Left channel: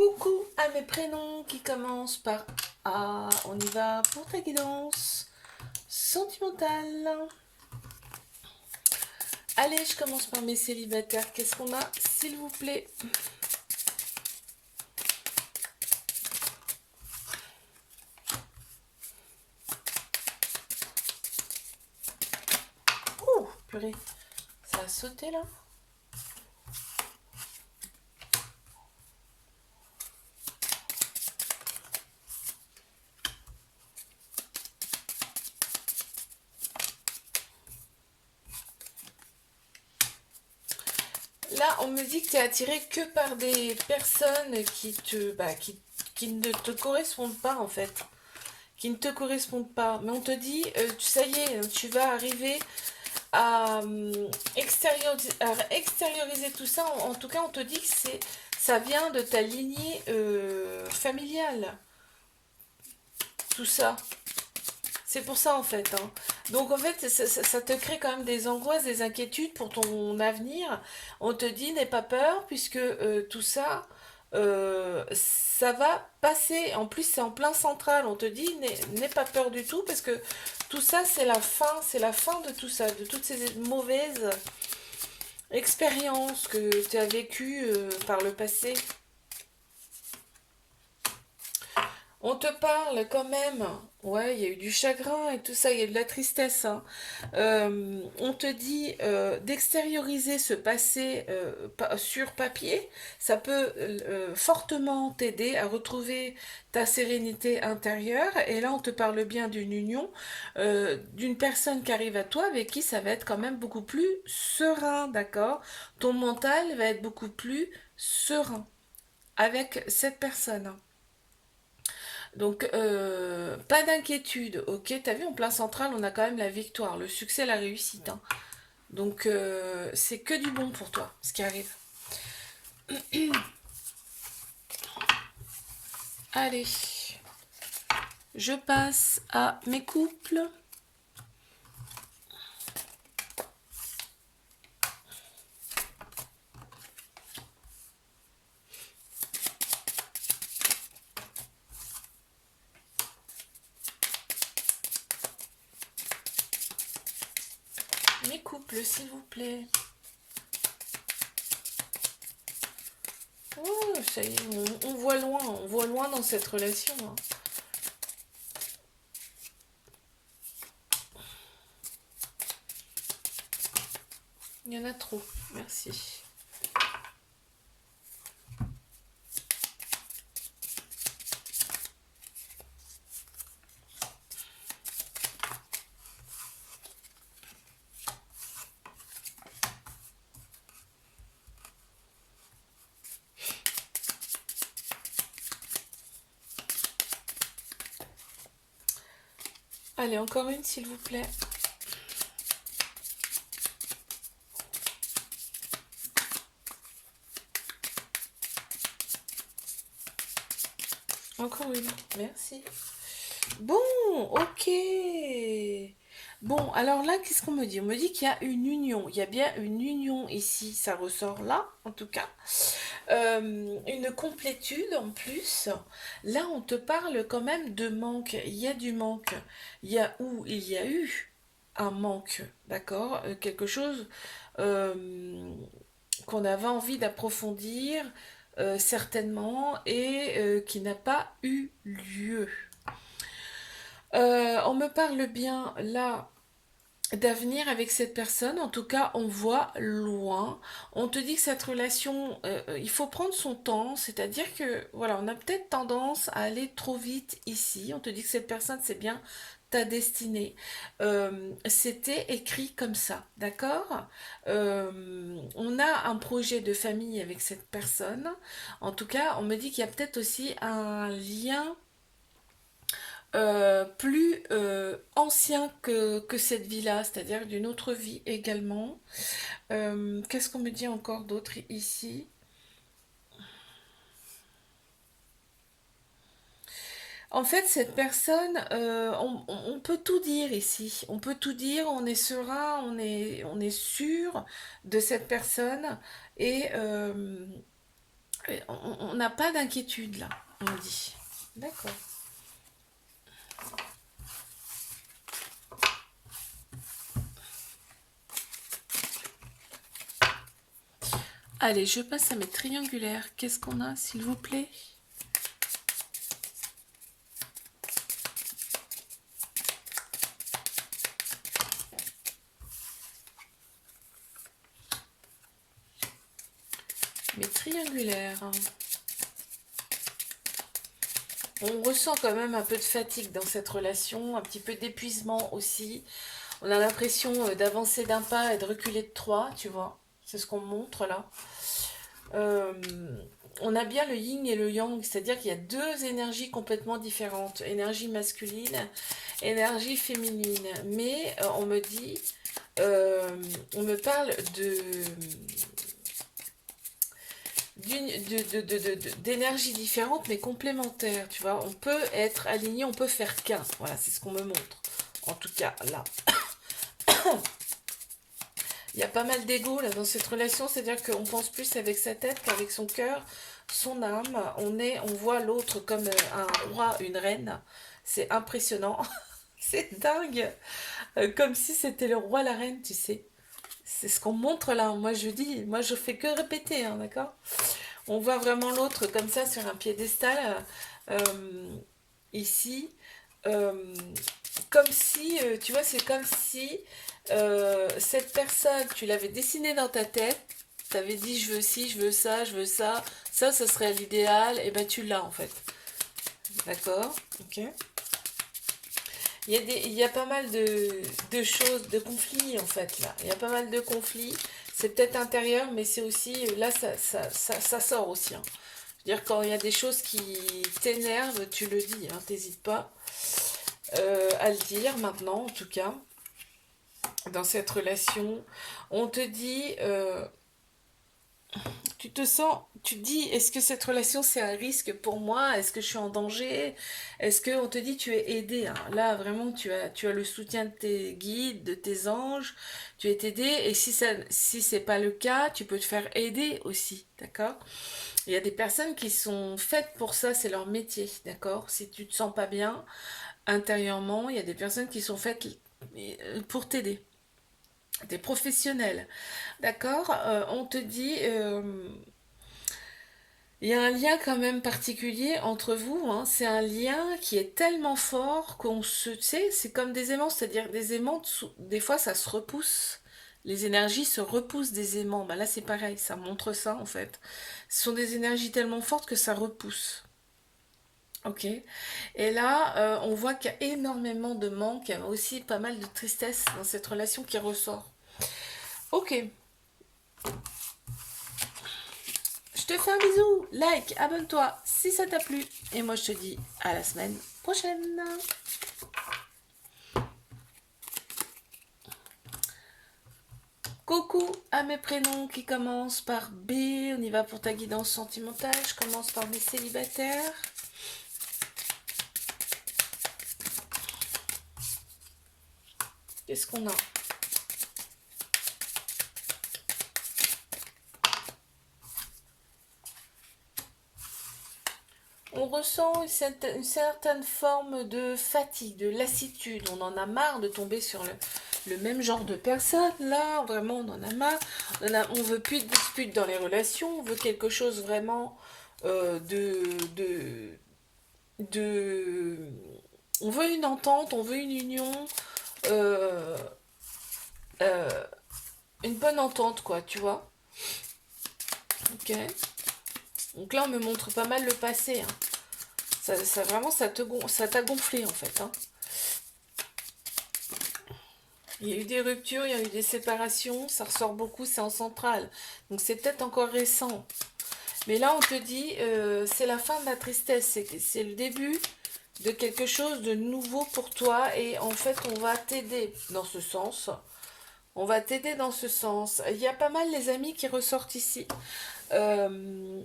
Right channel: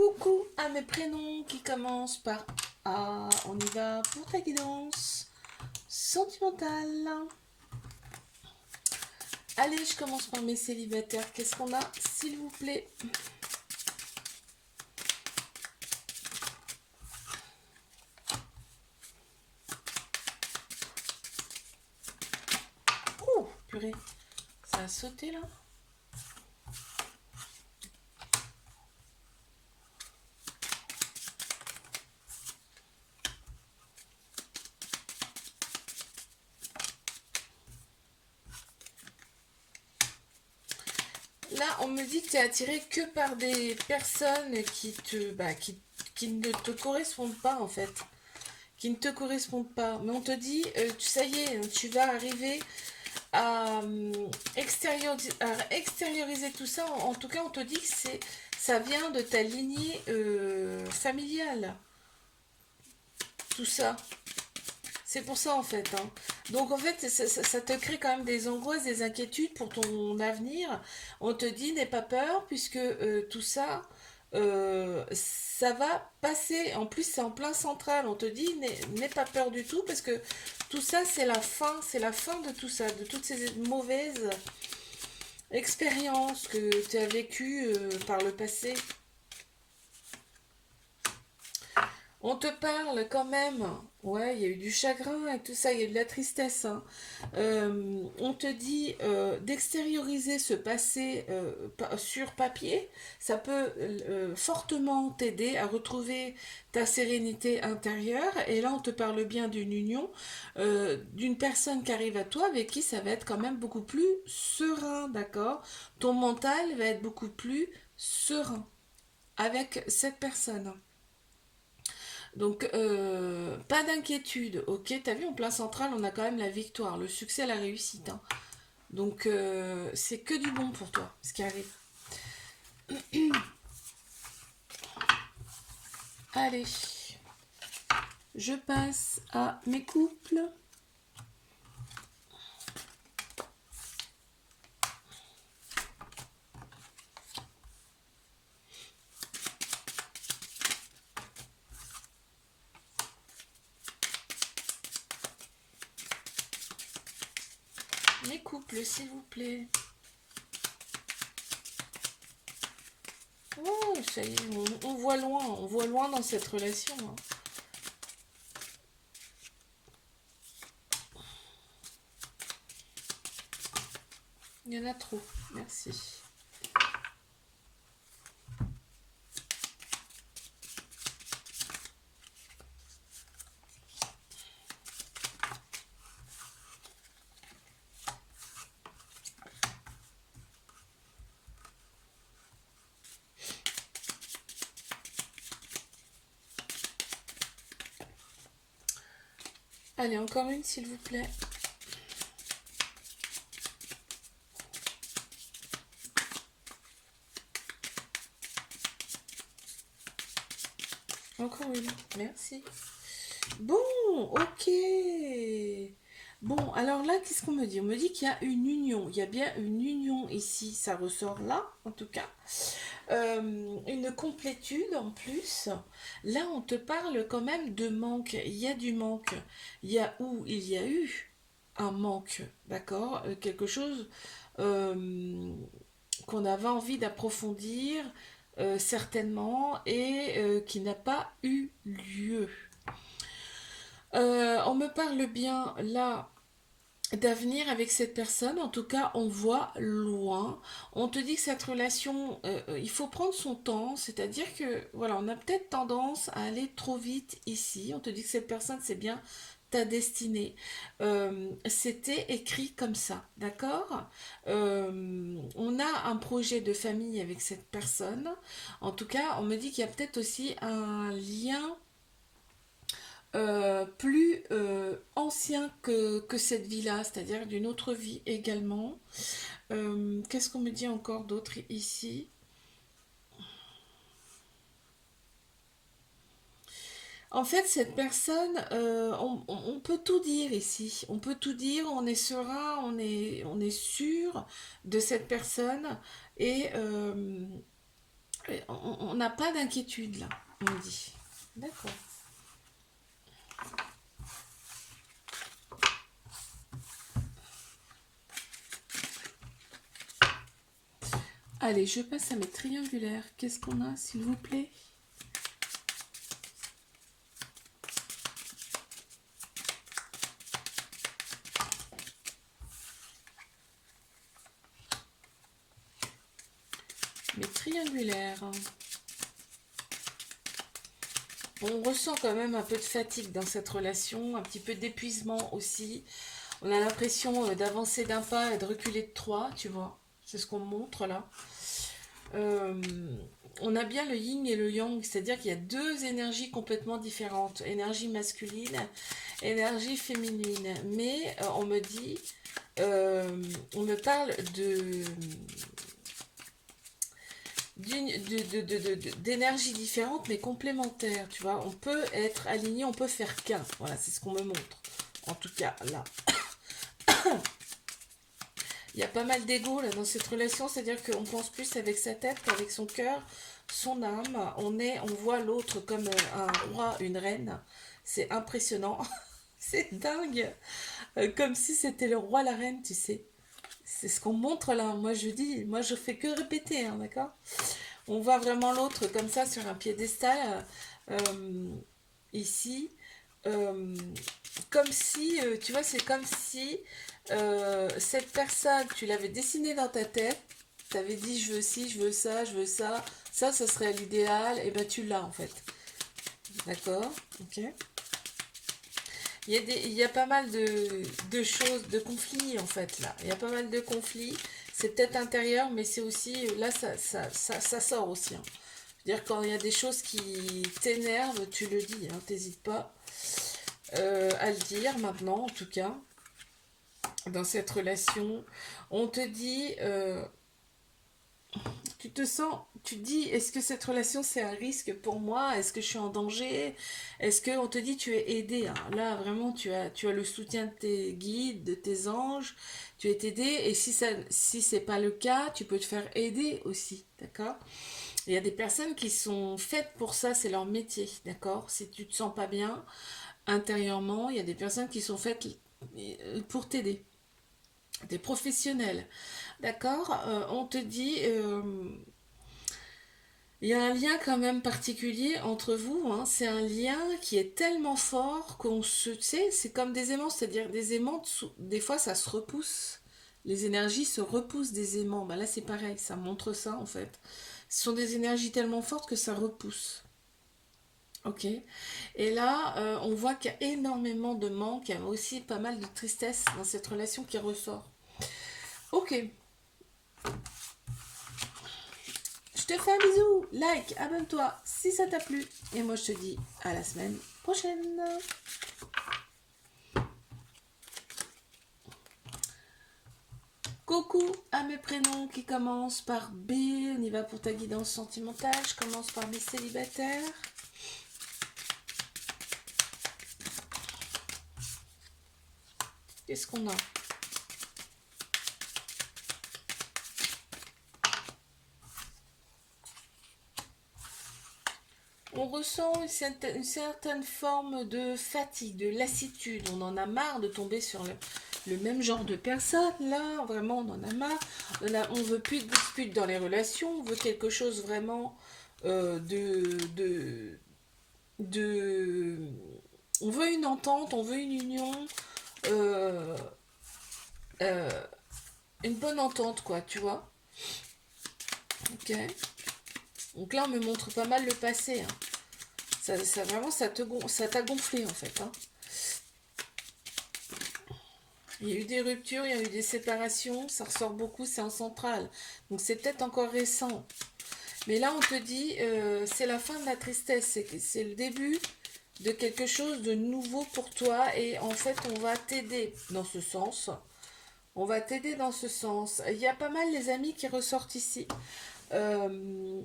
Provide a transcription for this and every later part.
Coucou à mes prénoms qui commencent par A. On y va pour la guidance sentimentale. Allez, je commence par mes célibataires. Qu'est-ce qu'on a, s'il vous plaît? Oh, purée, ça a sauté là. Là, on me dit que tu es attiré que par des personnes qui ne te correspondent pas en fait. Qui ne te correspondent pas. Mais on te dit, ça y est, tu vas arriver à extérioriser tout ça. En tout cas, on te dit que ça vient de ta lignée familiale. Tout ça. C'est pour ça en fait, hein. Donc en fait, ça te crée quand même des angoisses, des inquiétudes pour ton avenir. On te dit n'aie pas peur puisque tout ça, ça va passer. En plus, c'est en plein central. On te dit n'aie pas peur du tout parce que tout ça, c'est la fin de tout ça, de toutes ces mauvaises expériences que tu as vécues par le passé. On te parle quand même, ouais, il y a eu du chagrin et tout ça, il y a eu de la tristesse, hein. On te dit d'extérioriser ce passé sur papier, ça peut fortement t'aider à retrouver ta sérénité intérieure. Et là, on te parle bien d'une union, d'une personne qui arrive à toi avec qui ça va être quand même beaucoup plus serein, d'accord? Ton mental va être beaucoup plus serein avec cette personne. Donc, pas d'inquiétude, ok? T'as vu, en plein central, on a quand même la victoire, le succès, la réussite, hein. Donc, c'est que du bon pour toi, ce qui arrive. Allez, je passe à mes couples. Mes couples, s'il vous plaît. Oh, ça y est, on voit loin dans cette relation, hein. Il y en a trop, merci. Allez, encore une, s'il vous plaît. Encore une, merci. Bon, ok. Bon, alors là, qu'est-ce qu'on me dit? On me dit qu'il y a une union. Il y a bien une union ici, ça ressort là, en tout cas. Une complétude en plus. Là, on te parle quand même de manque. Il y a du manque. Il y a eu un manque, d'accord? Quelque chose euh, qu'on avait envie d'approfondir, certainement, et qui n'a pas eu lieu. On me parle bien là d'avenir avec cette personne, en tout cas on voit loin. On te dit que cette relation, il faut prendre son temps, c'est-à-dire que voilà, on a peut-être tendance à aller trop vite ici. On te dit que cette personne c'est bien ta destinée. C'était écrit comme ça, d'accord? On a un projet de famille avec cette personne. En tout cas, on me dit qu'il y a peut-être aussi un lien plus ancien que cette vie-là, c'est-à-dire d'une autre vie également. Qu'est-ce qu'on me dit encore d'autre ici? En fait, cette personne, on peut tout dire ici. On peut tout dire, on est serein, on est sûr de cette personne. Et On n'a pas d'inquiétude là, on me dit. D'accord. Allez, je passe à mes triangulaires. Qu'est-ce qu'on a, s'il vous plaît? Mes triangulaires. On ressent quand même un peu de fatigue dans cette relation, un petit peu d'épuisement aussi. On a l'impression d'avancer d'un pas et de reculer de trois, tu vois. C'est ce qu'on montre là. Euh, on a bien le yin et le yang, c'est-à-dire qu'il y a deux énergies complètement différentes. Énergie masculine, énergie féminine. Mais on me dit, on me parle d'énergie différente mais complémentaire, tu vois. On peut être aligné, on peut faire qu'un. Voilà, c'est ce qu'on me montre. En tout cas, là. Il y a pas mal d'ego là dans cette relation, c'est-à-dire qu'on pense plus avec sa tête qu'avec son cœur, son âme. On voit l'autre comme un roi, une reine. C'est impressionnant. C'est dingue. Comme si c'était le roi, la reine, tu sais. C'est ce qu'on montre là. Moi je dis, moi je fais que répéter, hein, d'accord? On voit vraiment l'autre comme ça sur un piédestal, ici. Euh, Comme si, tu vois, c'est comme si cette personne, tu l'avais dessinée dans ta tête, tu avais dit je veux ci, je veux ça, je veux ça, ça serait l'idéal, et ben tu l'as en fait. D'accord? Ok. Il y a pas mal de choses, de conflits en fait là. Il y a pas mal de conflits. C'est peut-être intérieur, mais c'est aussi, là ça sort aussi, hein. Je veux dire, quand il y a des choses qui t'énervent, tu le dis, hein, t'hésites pas à le dire maintenant, en tout cas, dans cette relation. On te dit, tu te sens, tu te dis, est-ce que cette relation c'est un risque pour moi? Est-ce que je suis en danger? Est-ce que on te dit tu es aidé, hein? Là vraiment tu as le soutien de tes guides, de tes anges, tu es aidé et si c'est pas le cas, tu peux te faire aider aussi, d'accord? Il y a des personnes qui sont faites pour ça, c'est leur métier, d'accord? Si tu te sens pas bien intérieurement, il y a des personnes qui sont faites pour t'aider, des professionnels, d'accord? On te dit, il y a un lien quand même particulier entre vous, hein. C'est un lien qui est tellement fort qu'on se, tu sais, c'est comme des aimants, c'est-à-dire des aimants, des fois ça se repousse. Les énergies se repoussent des aimants. Bah là c'est pareil, ça montre ça en fait. Ce sont des énergies tellement fortes que ça repousse. Ok. Et là, on voit qu'il y a énormément de manque, il y a aussi pas mal de tristesse dans cette relation qui ressort. Ok. Je te fais un bisou, like, abonne-toi si ça t'a plu. Et moi je te dis à la semaine prochaine. Coucou à mes prénoms qui commencent par B. On y va pour ta guidance sentimentale. Je commence par mes célibataires. Qu'est-ce qu'on a? On ressent une certaine forme de fatigue, de lassitude. On en a marre de tomber sur le même genre de personne. Là, vraiment, on en a marre. On veut plus de disputes dans les relations. On veut quelque chose vraiment de... On veut une entente, on veut une union, euh, euh, une bonne entente, quoi, tu vois. Ok. Donc là, on me montre pas mal le passé, hein. Vraiment, ça t'a gonflé, en fait, hein. Il y a eu des ruptures, il y a eu des séparations, ça ressort beaucoup, c'est en centrale. Donc c'est peut-être encore récent. Mais là, on te dit, c'est la fin de la tristesse, c'est le début de quelque chose de nouveau pour toi et en fait, on va t'aider dans ce sens. On va t'aider dans ce sens. Il y a pas mal les amis qui ressortent ici. Euh,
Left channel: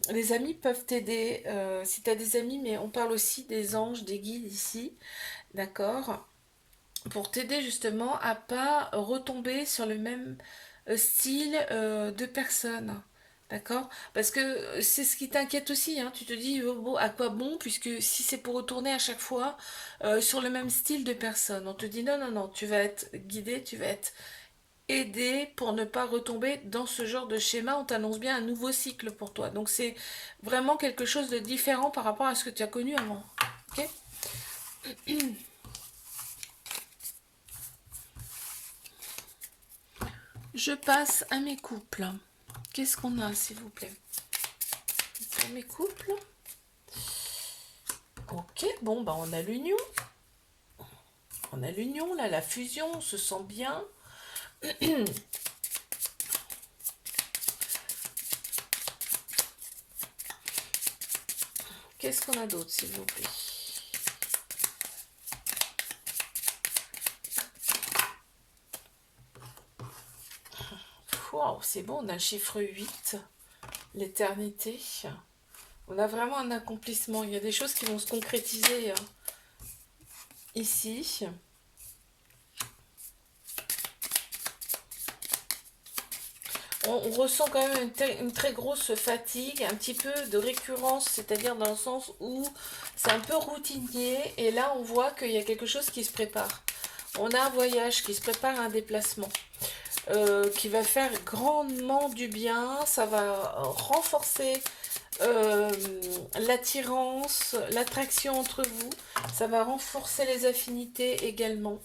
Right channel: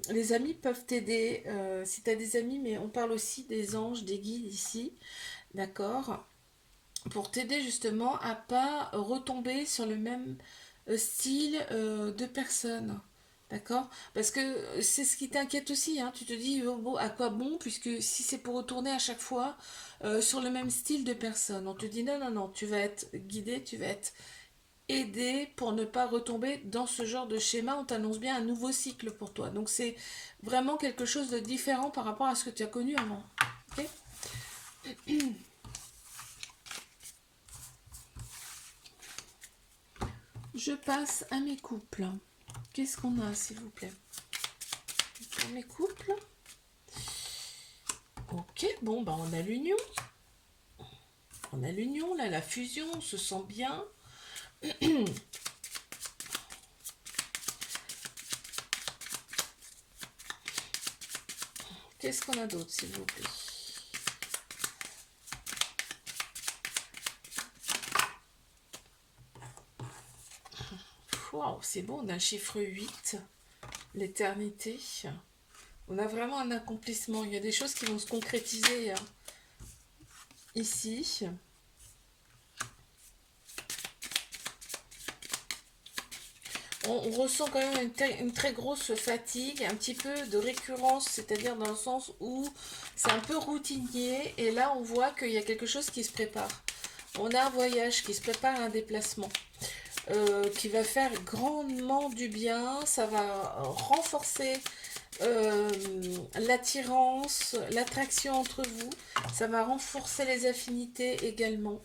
les amis peuvent t'aider si tu as des amis, mais on parle aussi des anges, des guides ici, d'accord? Pour t'aider justement à pas retomber sur le même style de personne. D'accord? Parce que c'est ce qui t'inquiète aussi, hein. Tu te dis, oh, bon, à quoi bon, puisque si c'est pour retourner à chaque fois sur le même style de personne, on te dit non, non, non, tu vas être guidé, tu vas être aidé pour ne pas retomber dans ce genre de schéma. On t'annonce bien un nouveau cycle pour toi. Donc c'est vraiment quelque chose de différent par rapport à ce que tu as connu avant. Ok? Je passe à mes couples. Qu'est-ce qu'on a, s'il vous plaît? Mes couples. Ok, bon, bah on a l'union. On a l'union, là, la fusion, on se sent bien. Qu'est-ce qu'on a d'autre, s'il vous plaît? Wow, c'est bon, on a le chiffre 8, l'éternité. On a vraiment un accomplissement. Il y a des choses qui vont se concrétiser hein, ici. On ressent quand même une très grosse fatigue, un petit peu de récurrence, c'est-à-dire dans le sens où c'est un peu routinier. Et là, on voit qu'il y a quelque chose qui se prépare. On a un voyage qui se prépare, un déplacement. Qui va faire grandement du bien, ça va renforcer l'attirance, l'attraction entre vous, ça va renforcer les affinités également.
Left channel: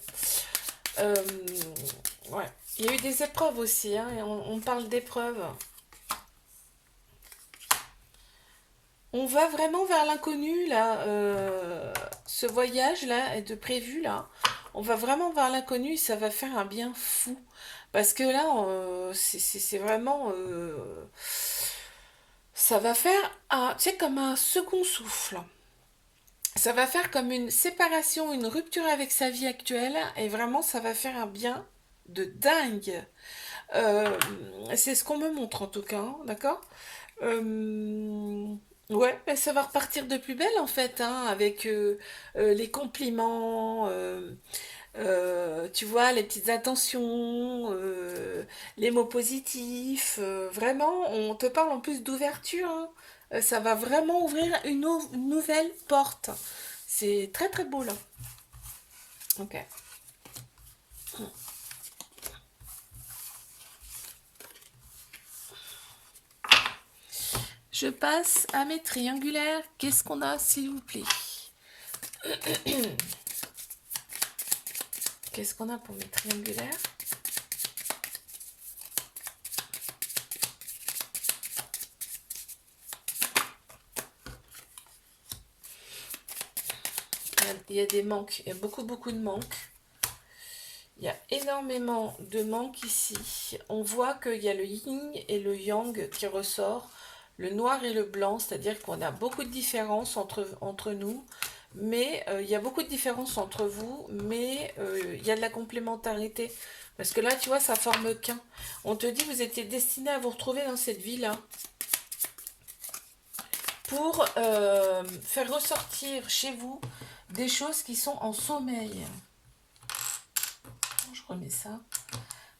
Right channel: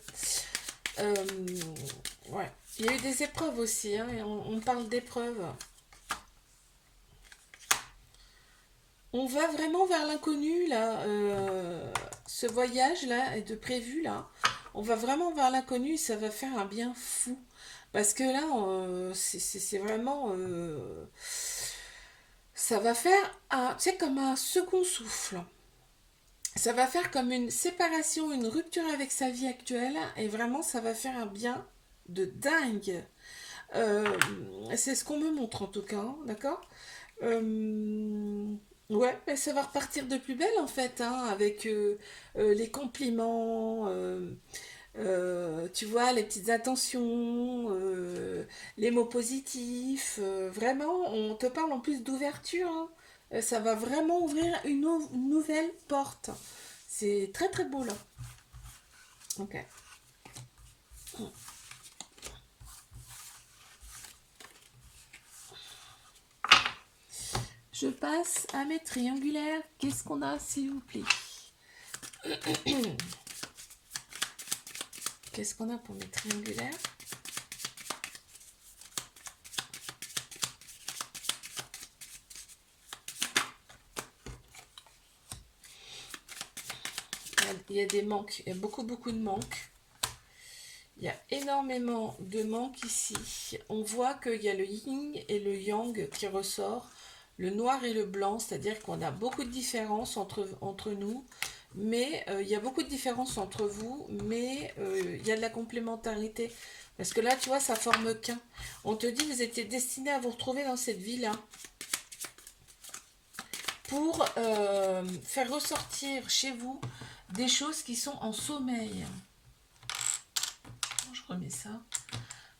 Euh, ouais. Il y a eu des épreuves aussi, hein, et on parle d'épreuves. On va vraiment vers l'inconnu là, ce voyage là est de prévu là. On va vraiment vers l'inconnu, ça va faire un bien fou. Parce que là, c'est vraiment, ça va faire un, tu sais, comme un second souffle. Ça va faire comme une séparation, une rupture avec sa vie actuelle, et vraiment, ça va faire un bien de dingue. Euh, c'est ce qu'on me montre en tout cas, hein, d'accord. Ouais, ben, ça va repartir de plus belle en fait, hein, avec les compliments, tu vois, les petites intentions, les mots positifs. Vraiment, on te parle en plus d'ouverture, hein. Ça va vraiment ouvrir une nouvelle porte. C'est très très beau là. Ok. Je passe à mes triangulaires. Qu'est-ce qu'on a, s'il vous plaît? Qu'est-ce qu'on a pour mes triangulaires? Il y a des manques, il y a beaucoup beaucoup de manques. Il y a énormément de manques ici. On voit qu'il y a le yin et le yang qui ressort, le noir et le blanc, c'est-à-dire qu'on a beaucoup de différences entre nous, mais il y a beaucoup de différences entre vous, mais il y a de la complémentarité. Parce que là, tu vois, ça forme qu'un. On te dit, vous étiez destiné à vous retrouver dans cette vie-là pour faire ressortir chez vous des choses qui sont en sommeil. Je remets ça.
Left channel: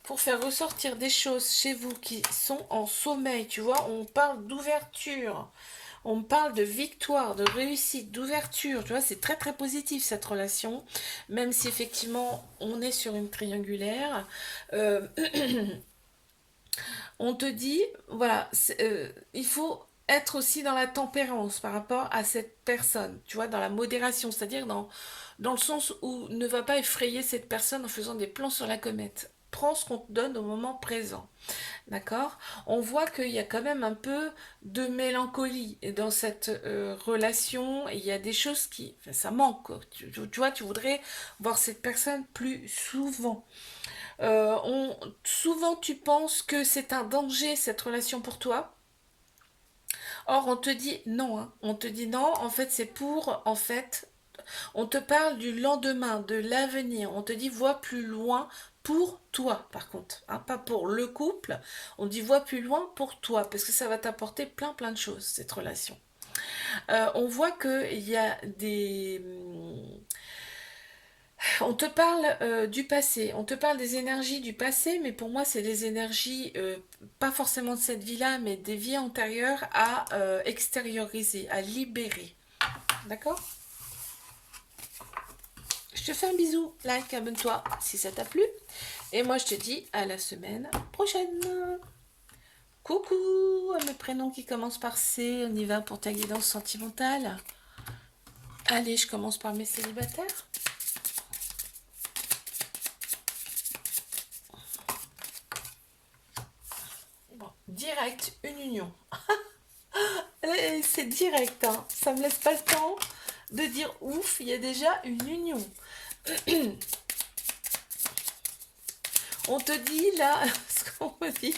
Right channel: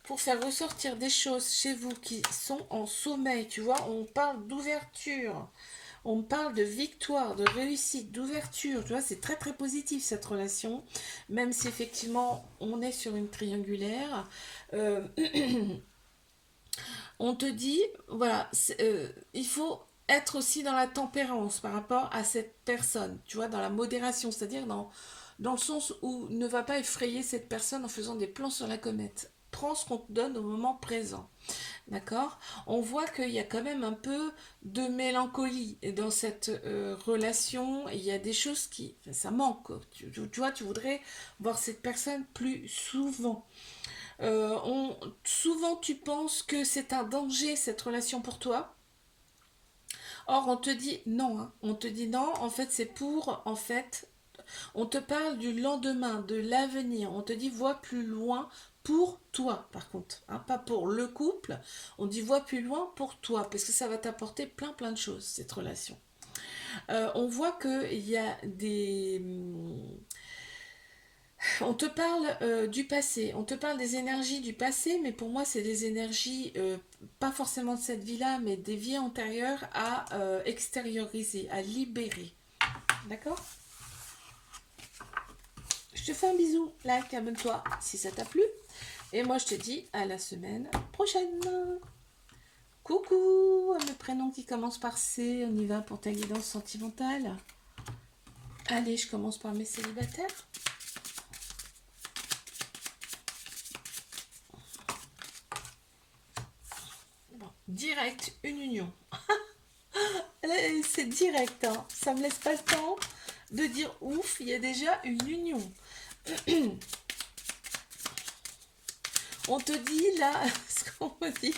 Pour faire ressortir des choses chez vous qui sont en sommeil, tu vois, on parle d'ouverture, on parle de victoire, de réussite, d'ouverture, tu vois, c'est très très positif cette relation, même si effectivement on est sur une triangulaire. Euh, on te dit, voilà, il faut être aussi dans la tempérance par rapport à cette personne, tu vois, dans la modération, c'est-à-dire dans le sens où ne va pas effrayer cette personne en faisant des plans sur la comète. Prends ce qu'on te donne au moment présent. D'accord? On voit qu'il y a quand même un peu de mélancolie dans cette relation. Il y a des choses qui... Enfin, ça manque. Tu vois, tu voudrais voir cette personne plus souvent. Souvent, tu penses que c'est un danger, cette relation pour toi. Or, on te dit non. Hein. On te dit non, en fait, c'est pour, en fait, on te parle du lendemain, de l'avenir. On te dit vois plus loin pour toi, par contre. Hein, pas pour le couple. On dit vois plus loin pour toi, parce que ça va t'apporter plein plein de choses, cette relation. On voit qu'il y a On te parle du passé, on te parle des énergies du passé, mais pour moi, c'est des énergies, pas forcément de cette vie-là, mais des vies antérieures à extérioriser, à libérer. D'accord? Je te fais un bisou, like, abonne-toi si ça t'a plu. Et moi, je te dis à la semaine prochaine. Coucou à mes prénoms qui commencent par C, on y va pour ta guidance sentimentale. Allez, je commence par mes célibataires. Bon, direct, une union. C'est direct, hein. Ça me laisse pas le temps de dire ouf, il y a déjà une union. On te dit là, ce qu'on me dit,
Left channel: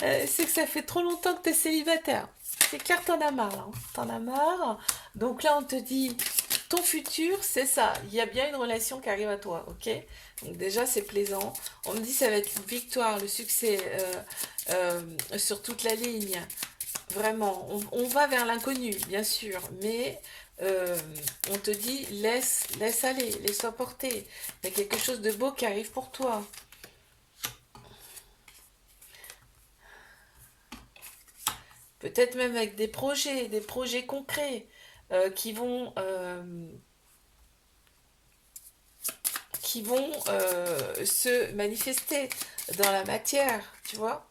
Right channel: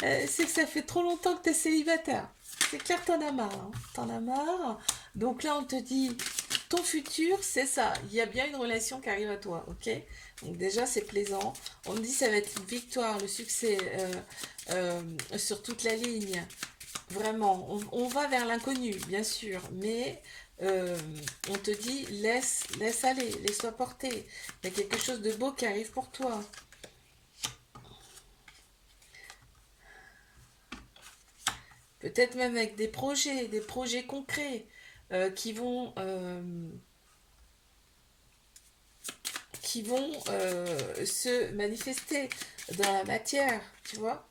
c'est que ça fait trop longtemps que tu es célibataire. C'est clair que t'en as marre, hein. T'en as marre. Donc là, on te dit, ton futur, c'est ça. Il y a bien une relation qui arrive à toi, ok? Donc déjà, c'est plaisant. On me dit, ça va être une victoire, le succès sur toute la ligne. Vraiment, on va vers l'inconnu, bien sûr, mais on te dit, laisse aller, laisse-toi porter. Il y a quelque chose de beau qui arrive pour toi. Peut-être même avec des projets concrets qui vont se manifester dans la matière, tu vois.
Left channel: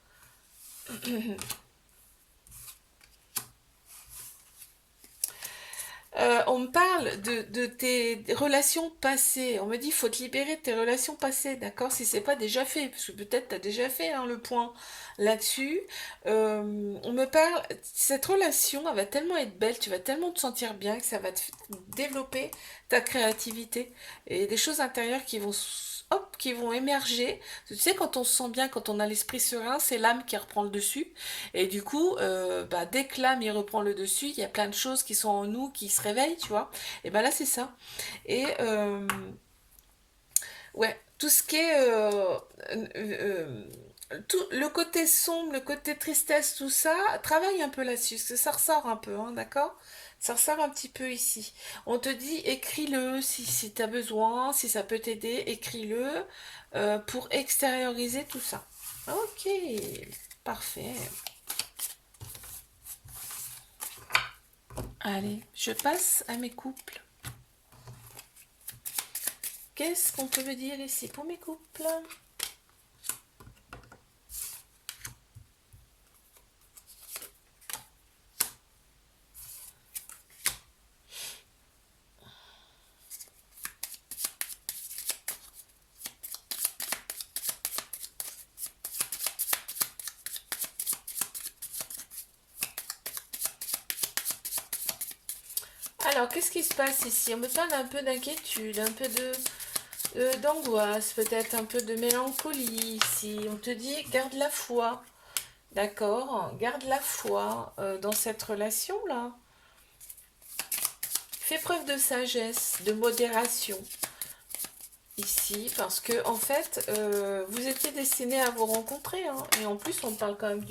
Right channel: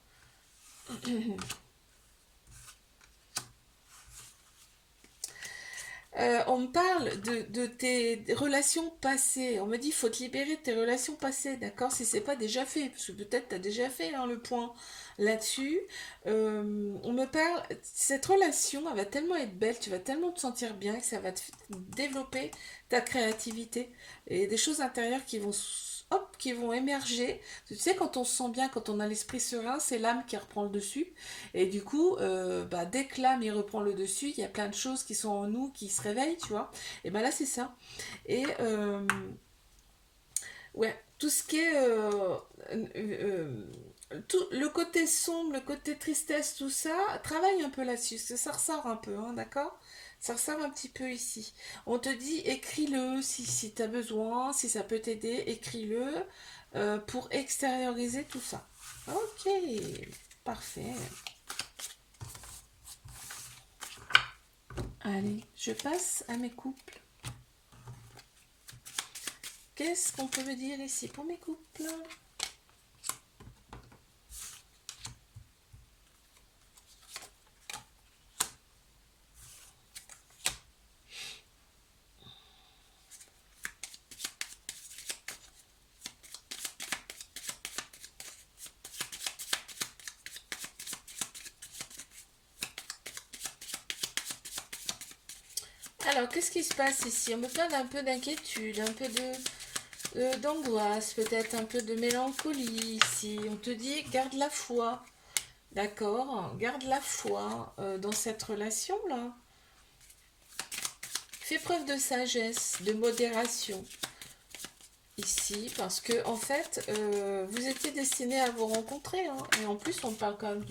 On me parle de tes relations passées. On me dit, il faut te libérer de tes relations passées, d'accord? Si c'est pas déjà fait, parce que peut-être tu as déjà fait hein, le point là-dessus. On me parle, cette relation, elle va tellement être belle, tu vas tellement te sentir bien que ça va te développer ta créativité et des choses intérieures qui vont, hop, qui vont émerger. Tu sais, quand on se sent bien, quand on a l'esprit serein, c'est l'âme qui reprend le dessus. Et du coup, bah, dès que l'âme il reprend le dessus, il y a plein de choses qui sont en nous qui se réveillent, tu vois. Et ben là, c'est ça. Et ouais, tout ce qui est tout le côté sombre, le côté tristesse, tout ça, travaille un peu là-dessus, parce que ça ressort un peu, hein, d'accord? Ça ressort un petit peu ici. On te dit écris-le si tu as besoin, si ça peut t'aider, écris-le pour extérioriser tout ça. Ok, parfait. Allez, je passe à mes couples. Qu'est-ce qu'on peut me dire ici pour mes couples? Alors, qu'est-ce qui se passe ici? On me parle un peu d'inquiétude, un peu d'angoisse, peut-être un peu de mélancolie ici. On te dit, garde la foi, d'accord? Garde la foi dans cette relation-là. Fais preuve de sagesse, de modération ici, parce que en fait, vous étiez destinés à vous rencontrer, hein. Et en plus, on parle quand même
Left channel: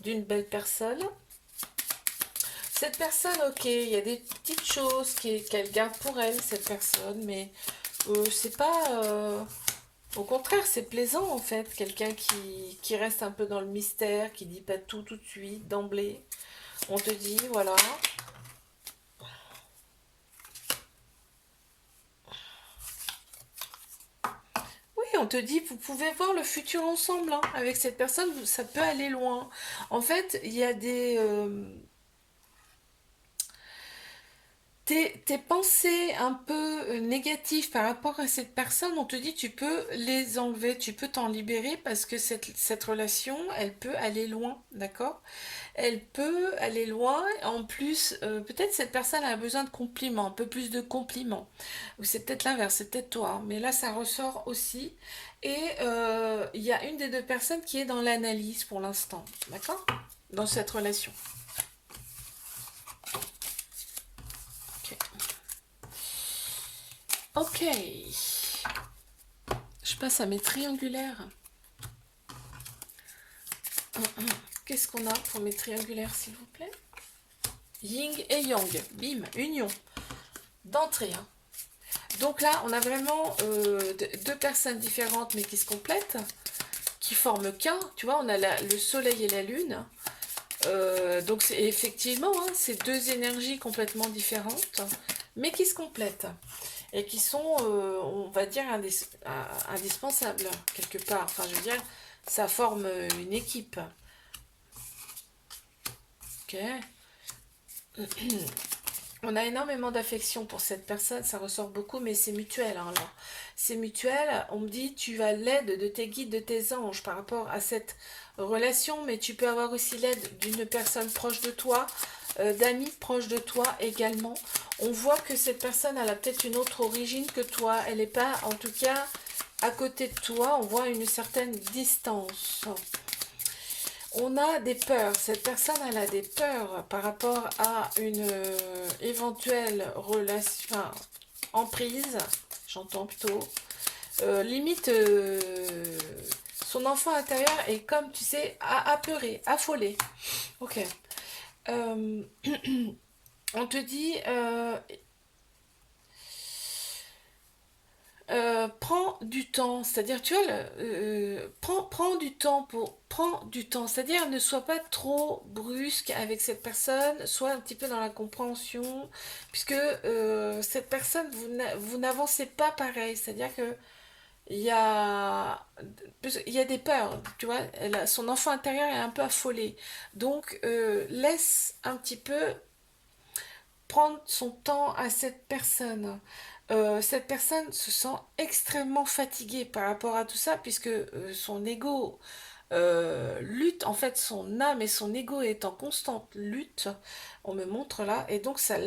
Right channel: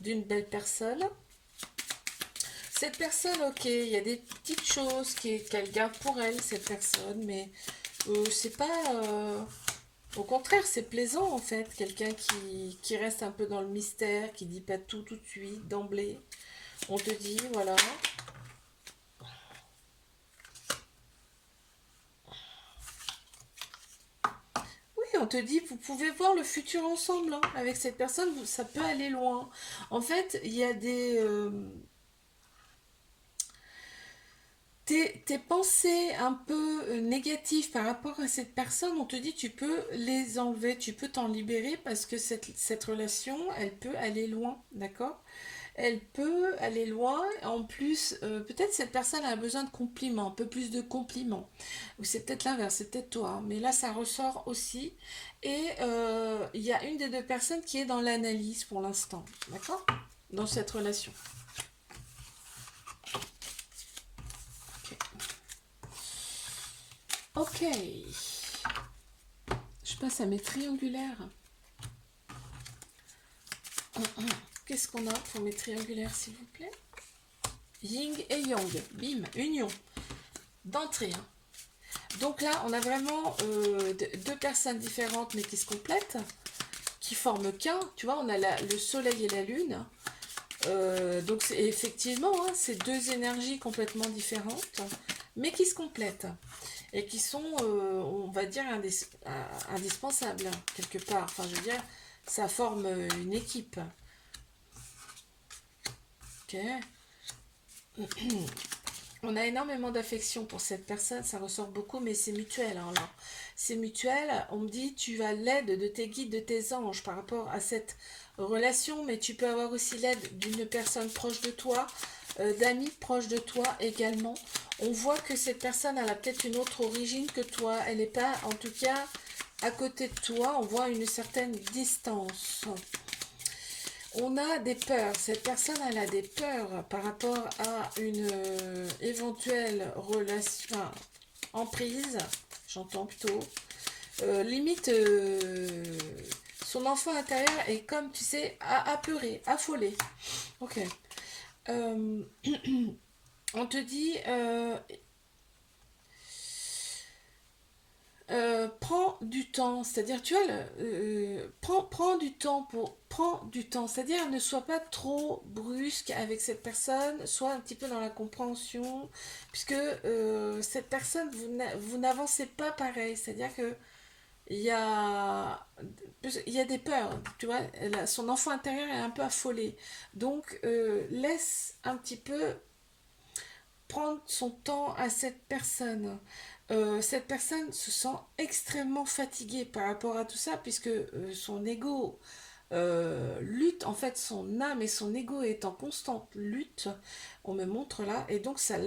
d'une belle personne. Cette personne, ok, il y a des petites choses qu'elle garde pour elle, cette personne, mais c'est pas... au contraire, c'est plaisant en fait, quelqu'un qui reste un peu dans le mystère, qui dit pas tout de suite, d'emblée. On te dit, voilà. Oui, on te dit, vous pouvez voir le futur ensemble, hein. Avec cette personne, ça peut aller loin. En fait, il y a tes pensées un peu négatives par rapport à cette personne, on te dit tu peux les enlever, tu peux t'en libérer parce que cette relation, elle peut aller loin, d'accord? Elle peut aller loin. En plus, peut-être cette personne a besoin de compliments, un peu plus de compliments. Ou c'est peut-être l'inverse, c'est peut-être toi. Mais là, ça ressort aussi. Et il y a une des deux personnes qui est dans l'analyse pour l'instant, d'accord? Dans cette relation. Ok. Je passe à mes triangulaires. Qu'est-ce qu'on a pour mes triangulaires, s'il vous plaît? Yin et Yang. Bim, union. D'entrée. Hein. Donc là, on a vraiment deux personnes différentes, mais qui se complètent, qui forment qu'un. Tu vois, on a le soleil et la lune. Donc effectivement, hein, c'est deux énergies complètement différentes, mais qui se complètent et qui sont, on va dire, indispensables quelque part. Enfin, je veux dire, ça forme une équipe. Ok. On a énormément d'affection pour cette personne, ça ressort beaucoup, mais c'est mutuel. Hein, là. C'est mutuel. On me dit, tu as l'aide de tes guides, de tes anges par rapport à cette relation, mais tu peux avoir aussi l'aide d'une personne proche de toi, d'amis proches de toi également. On voit que cette personne, elle a peut-être une autre origine que toi. Elle n'est pas, en tout cas, à côté de toi. On voit une certaine distance. On a des peurs. Cette personne, elle a des peurs par rapport à une éventuelle relation, enfin, emprise, j'entends plutôt. Limite, son enfant intérieur est comme, tu sais, apeuré, affolé. Ok. Euh, on te dit, prends du temps, c'est-à-dire tu vois, prends du temps prends du temps, c'est-à-dire ne sois pas trop brusque avec cette personne, sois un petit peu dans la compréhension, puisque cette personne, vous n'avancez pas pareil, c'est-à-dire que il y a des peurs, tu vois, son enfant intérieur est un peu affolé, donc laisse un petit peu prendre son temps à cette personne. Cette personne se sent extrêmement fatiguée par rapport à tout ça, puisque son ego lutte, en fait, son âme et son ego est en constante lutte, on me montre là, et donc ça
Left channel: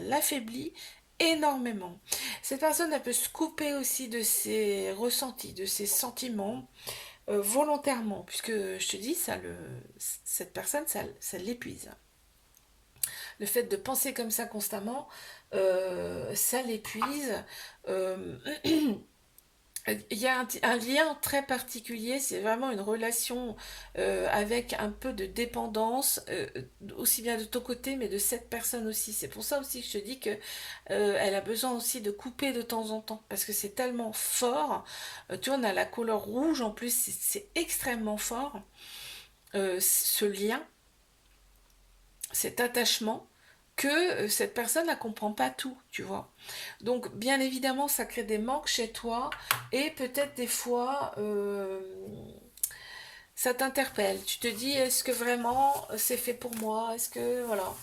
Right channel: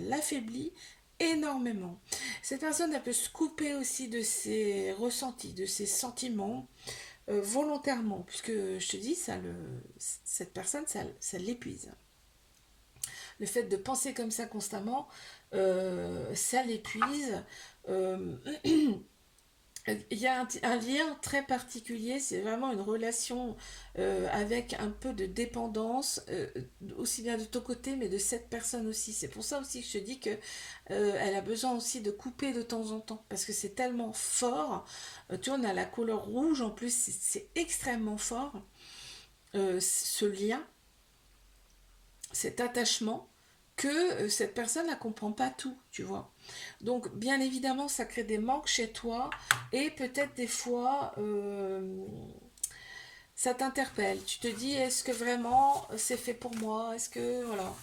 l'affaiblit énormément. Cette personne, elle peut se couper aussi de ses ressentis, de ses sentiments, volontairement, puisque je te dis, cette personne, ça l'épuise. Le fait de penser comme ça constamment, ça l'épuise. Euh, il y a un lien très particulier, c'est vraiment une relation avec un peu de dépendance, aussi bien de ton côté, mais de cette personne aussi. C'est pour ça aussi que je te dis que elle a besoin aussi de couper de temps en temps, parce que c'est tellement fort. Tu vois, on a la couleur rouge en plus, c'est extrêmement fort, ce lien, cet attachement, que cette personne ne comprend pas tout, tu vois. Donc, bien évidemment, ça crée des manques chez toi et peut-être des fois, ça t'interpelle. Tu te dis, est-ce que vraiment c'est fait pour moi? Est-ce que, voilà,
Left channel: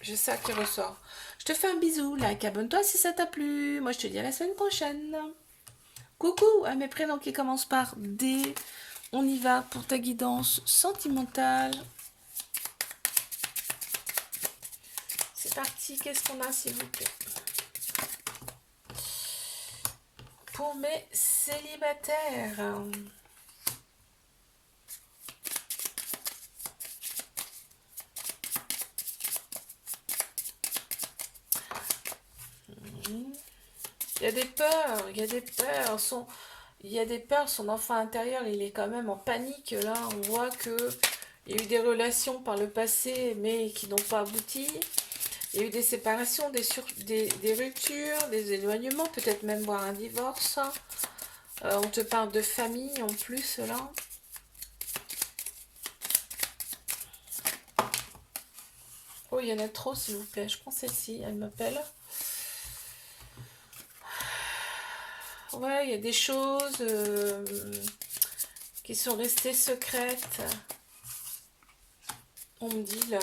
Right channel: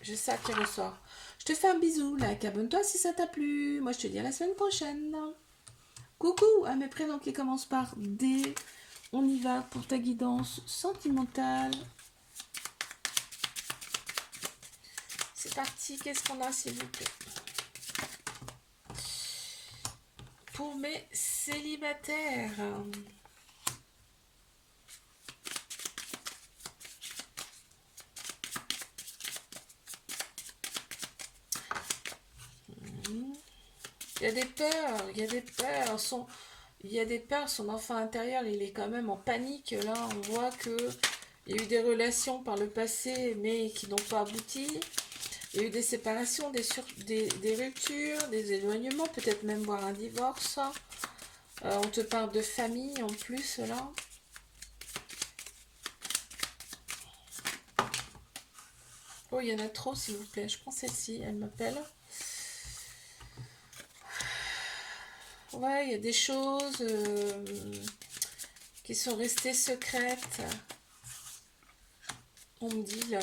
j'ai ça qui ressort. Je te fais un bisou, like, abonne-toi si ça t'a plu. Moi, je te dis à la semaine prochaine. Coucou à mes prénoms qui commencent par D. On y va pour ta guidance sentimentale. C'est parti, qu'est-ce qu'on a s'il vous plaît? Pour mes célibataires. Il y a des peurs, il y a des peurs. Il y a des peurs, son enfant intérieur, il est quand même en panique. Là, on voit que il y a eu des relations par le passé, mais qui n'ont pas abouti. Il y a eu des séparations, des ruptures, des éloignements, peut-être même voir un divorce. On te parle de famille en plus, là. Oh, il y en a trop, s'il vous plaît. Je prends celle-ci, elle m'appelle. Ouais, il y a des choses qui sont restées secrètes. On me dit là.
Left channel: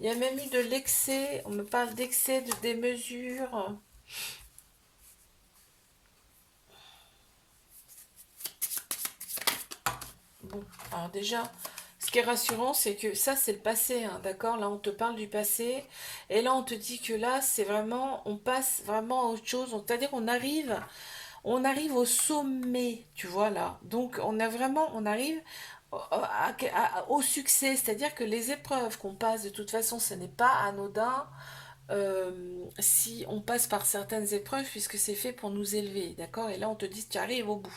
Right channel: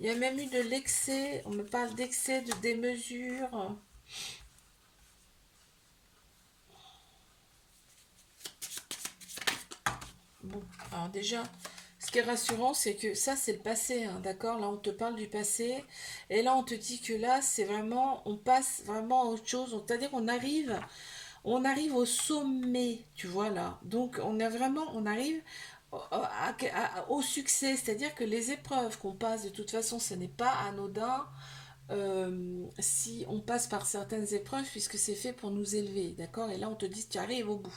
Il y a même eu de l'excès. On me parle d'excès, de démesure. Bon, alors déjà, ce qui est rassurant, c'est que ça, c'est le passé, hein, d'accord? Là, on te parle du passé. Et là, on te dit que là, c'est vraiment, on passe vraiment à autre chose. C'est-à-dire qu'on on arrive au sommet, tu vois, là. Donc, on arrive au succès. C'est-à-dire que les épreuves qu'on passe, de toute façon, ce n'est pas anodin. Si on passe par certaines épreuves, puisque c'est fait pour nous élever, d'accord? Et là, on te dit, tu arrives au bout.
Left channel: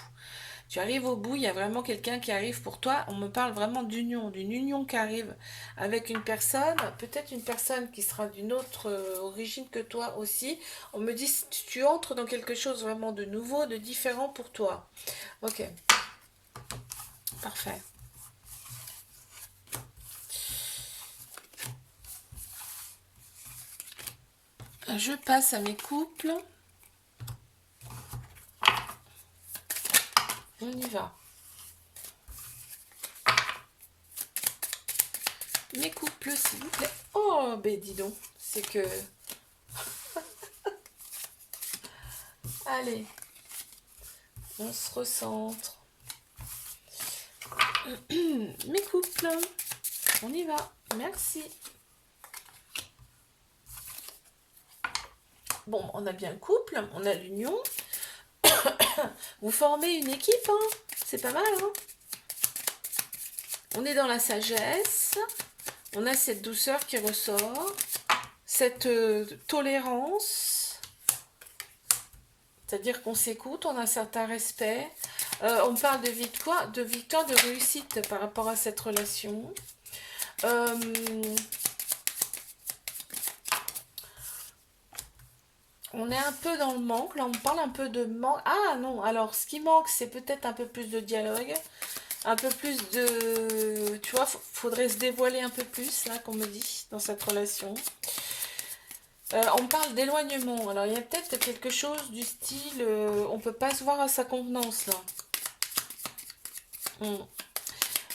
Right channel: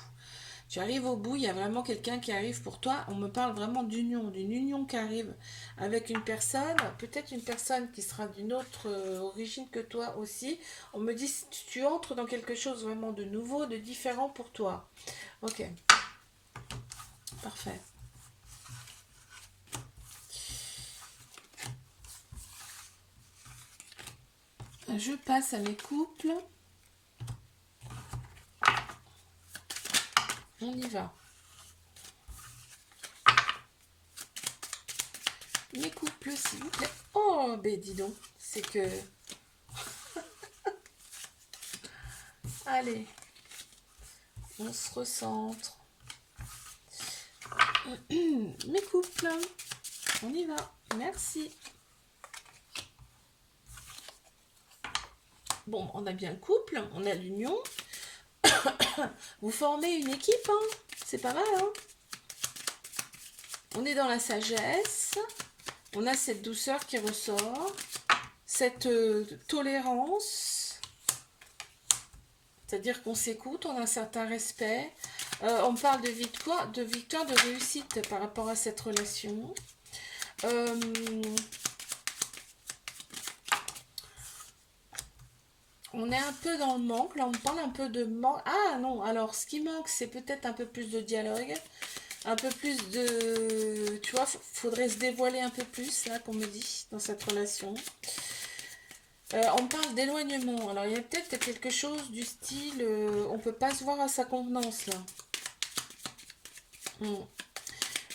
Tu arrives au bout, il y a vraiment quelqu'un qui arrive pour toi. On me parle vraiment d'union, d'une union qui arrive avec une personne, peut-être une personne qui sera d'une autre origine que toi aussi. On me dit tu entres dans quelque chose vraiment de nouveau, de différent pour toi. Ok, parfait. Je passe à mes couples. On y va. Mes couples, s'il vous plaît. Oh, ben dis donc, c'est que... Allez, on se recentre. Mes couples, on y va. Merci. Bon, on a bien le couple, on a l'union. Vous formez une équipe, hein. C'est pas mal, hein. On est dans la sagesse. On a cette douceur qui ressort. Cette tolérance. C'est-à-dire qu'on s'écoute, on a un certain respect. On parle de victoire, de réussite par rapport à cette relation. On est un peu dans le manque, là on parle un peu de manque. Ah non, alors ce qui manque c'est peut-être un peu plus de dialogue, un peu plus de... Tu vois, faudrait se dévoiler un peu plus, là qu'on me dit, dans cette relation. On parle d'éloignement, alors il y a peut-être quelque chose du style, on peut pas se voir à sa convenance là.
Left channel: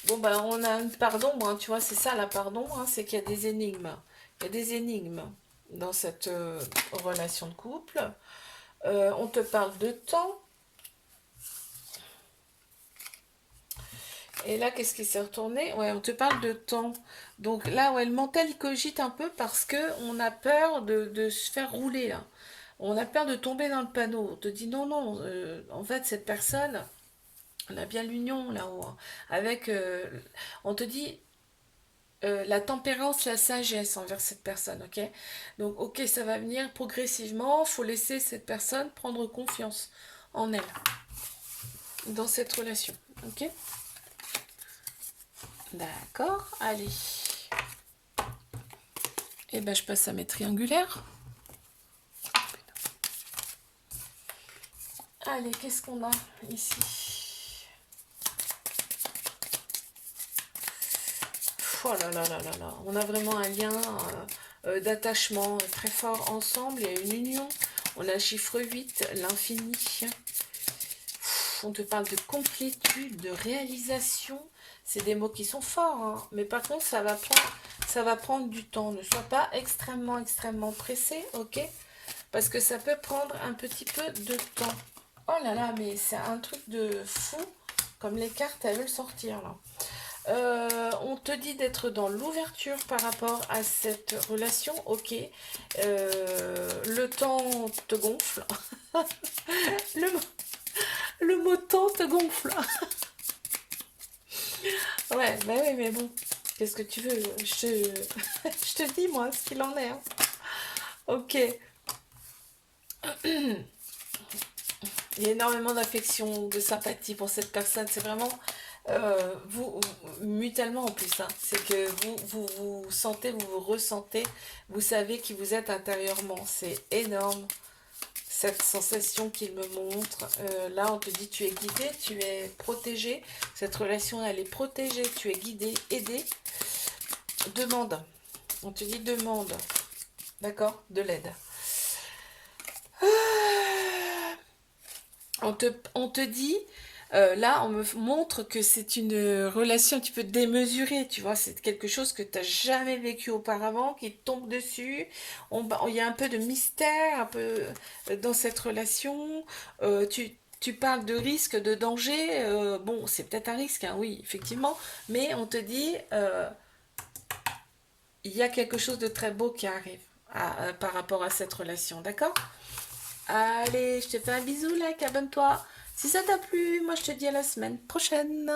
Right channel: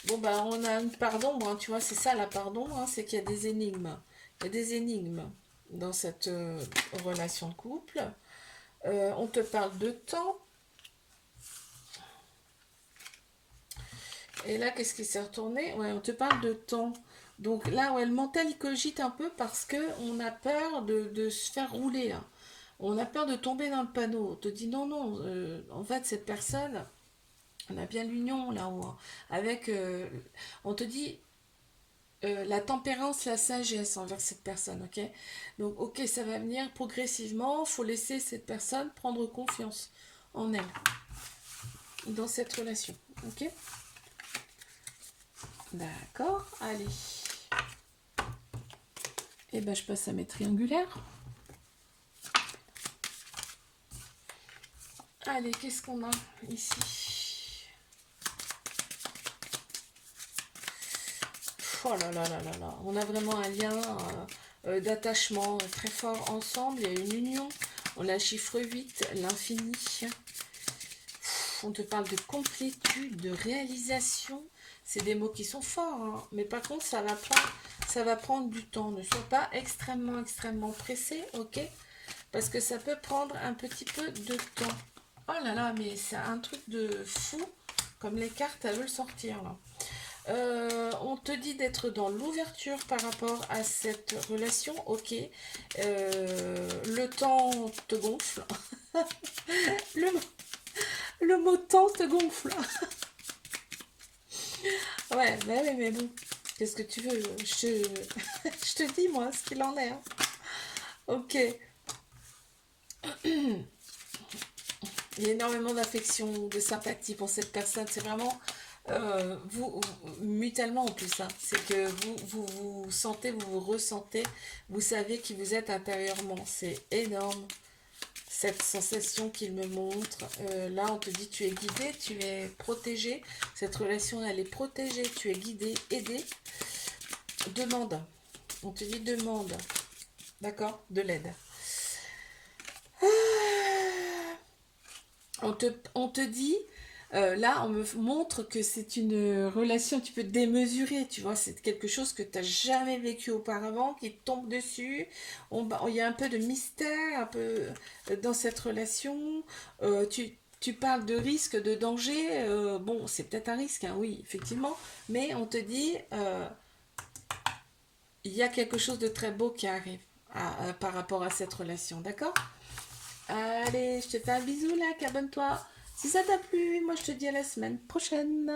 Bon ben on a un pardon, hein, tu vois, c'est ça la pardon, hein, c'est qu'il y a des énigmes. Il y a des énigmes dans cette relation de couple. On te parle de temps. Et là, qu'est-ce qui s'est retourné? Ouais, on te parle de temps. Donc là, ouais, le mental, il cogite un peu parce que on a peur de se faire rouler, là. On a peur de tomber dans le panneau. On te dit non, non, en fait, cette personne, on a bien l'union là-haut, hein. Avec, on te dit la tempérance, la sagesse envers cette personne, ok? Donc, ok, ça va venir progressivement. Faut laisser cette personne prendre confiance en elle, dans cette relation, ok? D'accord, allez. Et ben, je passe à mes triangulaires. Allez, qu'est-ce qu'on a ici? Oh là là là là là. On a vraiment un lien d'attachement très fort ensemble. Il y a une union. On a le chiffre 8, l'infini. On te parle de complétude, de réalisation. C'est des mots qui sont forts, hein. Mais par contre, ça va prendre du temps. Ne sois pas extrêmement pressé, ok? Parce que ça peut prendre un petit peu de temps. Oh là là, mais c'est un truc de fou, comme les cartes, elles veulent sortir, là. On te dit d'être dans l'ouverture par rapport à cette relation, ok. Le temps te gonfle. le, le mot temps te gonfle. Ouais, bah oui, mais bon, qu'est-ce que tu veux? Je te dis, moi, ce qu'il en est, hein. Ok. Il y a énormément d'affection, de sympathie pour cette personne. C'est vraiment vous, mutuellement en plus, hein. C'est que vous sentez, vous vous ressentez, vous savez qui vous êtes intérieurement. C'est énorme cette sensation qu'il me montre. Là, on te dit tu es guidé, tu es protégé. Cette relation, elle est protégée, tu es guidé, aidé. Demande. On te dit demande. D'accord? De l'aide. On te dit, là, on me montre que c'est une relation un petit peu démesurée, tu vois, c'est quelque chose que tu n'as jamais vécu auparavant, qui te tombe dessus. Il y a un peu de mystère, un peu dans cette relation. Tu parles de risque, de danger. Bon, c'est peut-être un risque, hein, oui, effectivement, mais on te dit, il y a quelque chose de très beau qui arrive par rapport à cette relation, d'accord? Allez, je te fais un bisou, là, abonne-toi. Si ça t'a plu, moi je te dis à la semaine prochaine.